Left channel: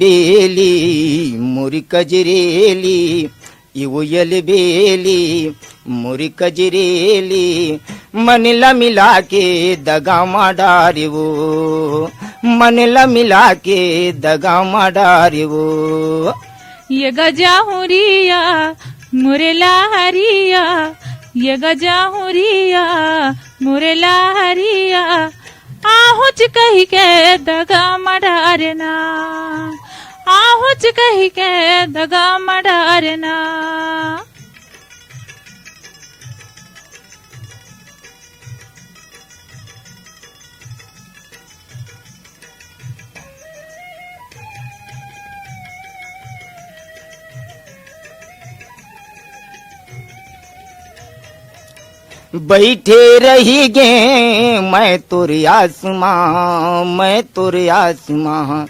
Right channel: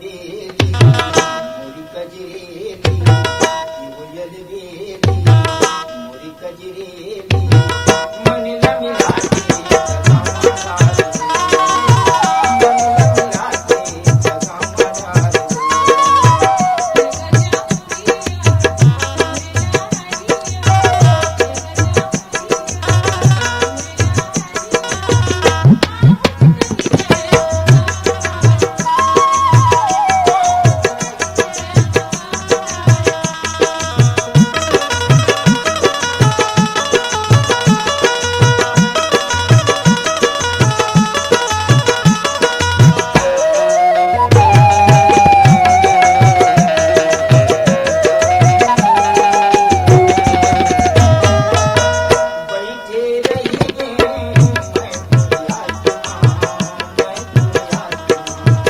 बेली मुरी कजरेली इवुयल बेली मुरी कजरेली मनला मिला के दगा माडारी वो मनला मिला के दगा माडारी वो ये गजाहुरिया मुरेला हरिया ये गजाहुरिया मुरेला हरिया आहुच कही के दगा मडारना आहुच कही के दगा मडारना बैठे रही गे मैं तुर आसमां मैं तुर आसमां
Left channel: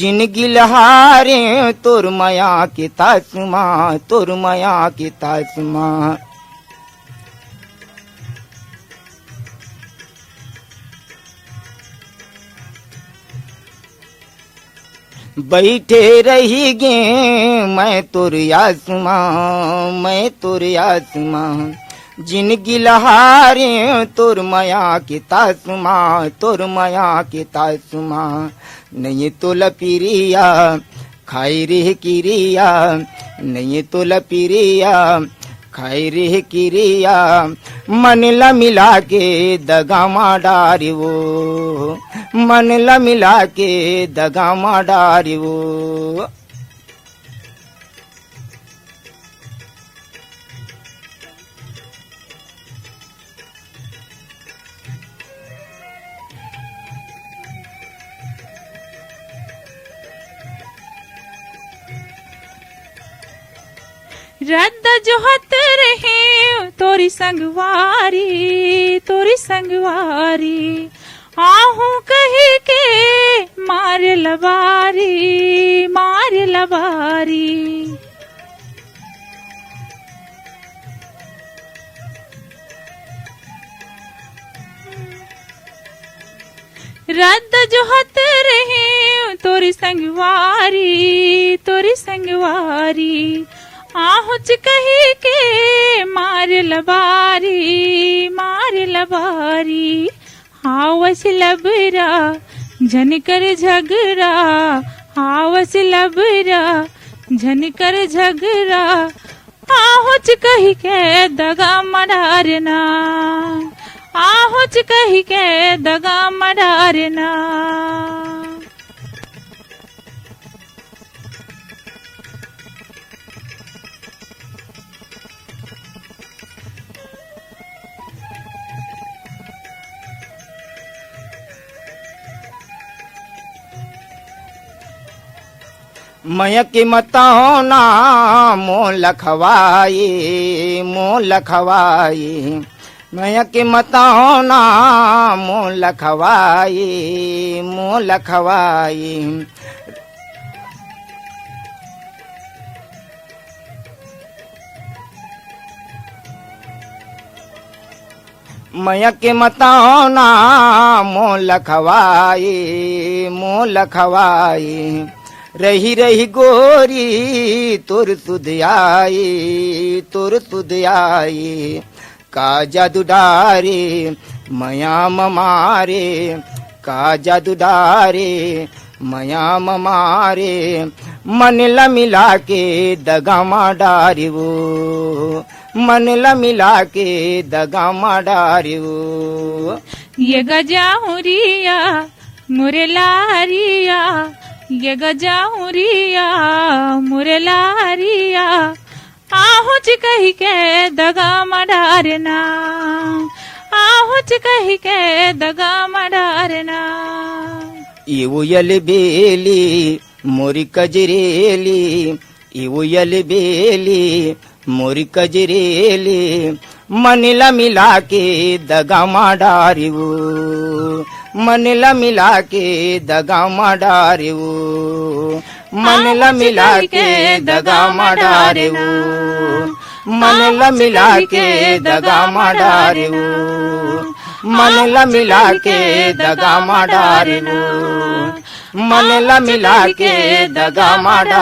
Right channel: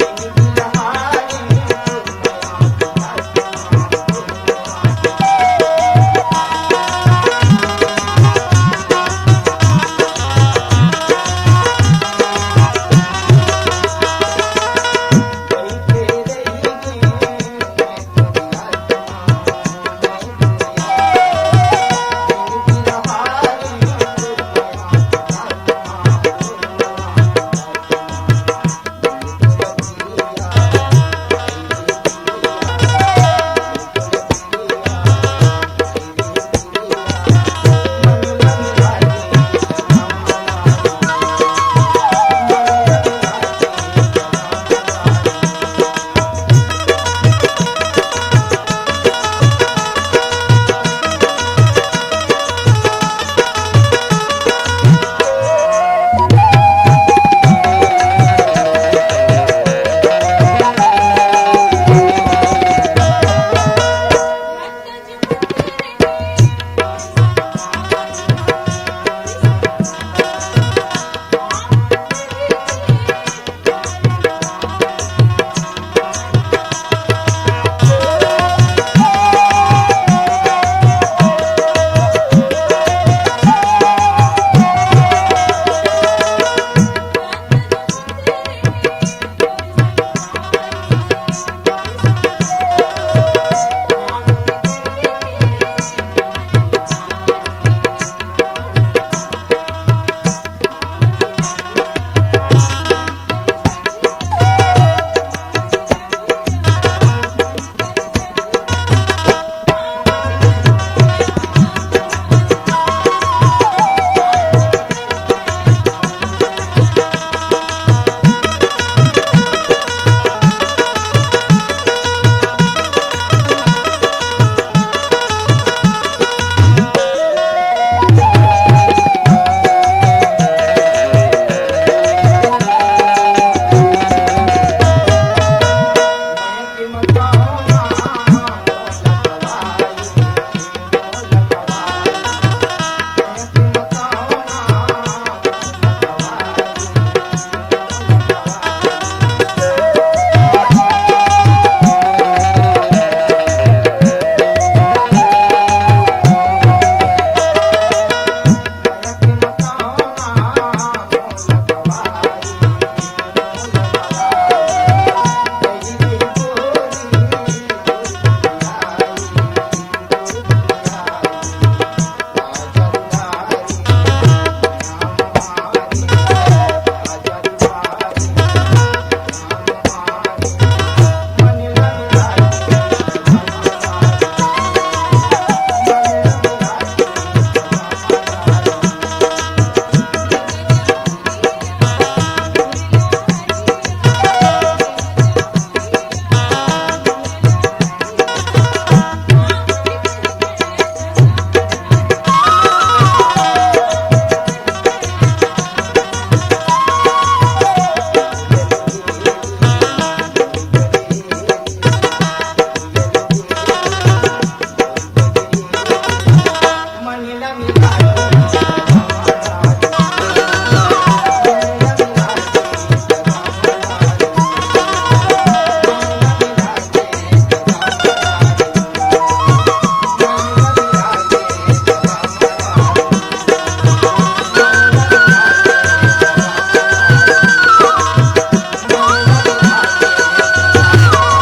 जिन गिलहारे तुर मया की तासमां तुर मया की तासमां बैठे रही गे मैं तुर आसमां मैं तुर आसमां गिलहारे तुर मया की तासमा तुर मया की तासमा नहीं तुल पिरिया खाई रे किरिया नहीं तुल पिरिया खाई रे किरिया मनला मिला के दगा माडारी वो मनला मिला के दगा माडारी वो के मताना मोह लखवाई मैं के मताना मोह लखवाई मैं के मताना मोह लखवाई रही रही गोरी तुर तुद आई का जादू डारे मया मारे का जादू डारे मया मारे मनला मिला के दगा माडारी वो मनला मिला के दगा माडारी वो ये गजाहुरिया मुरेला हरिया ये गजाहुरिया मुरेला हरिया आहुच कही के दगा मडारना आहुच कही के दगा मडारना इवुयल बेली मोरी कजरेली इवुयल बेली मोरी कजरेली मनला मिला के दगा माडारी वो मनला मिला के दगा माडारी वो मनला मिला के दगा माडारी वो मनला मिला के दगा माडारी वो मनला मिला के दगा माडारी वो मनला मिला के ಮಾಡ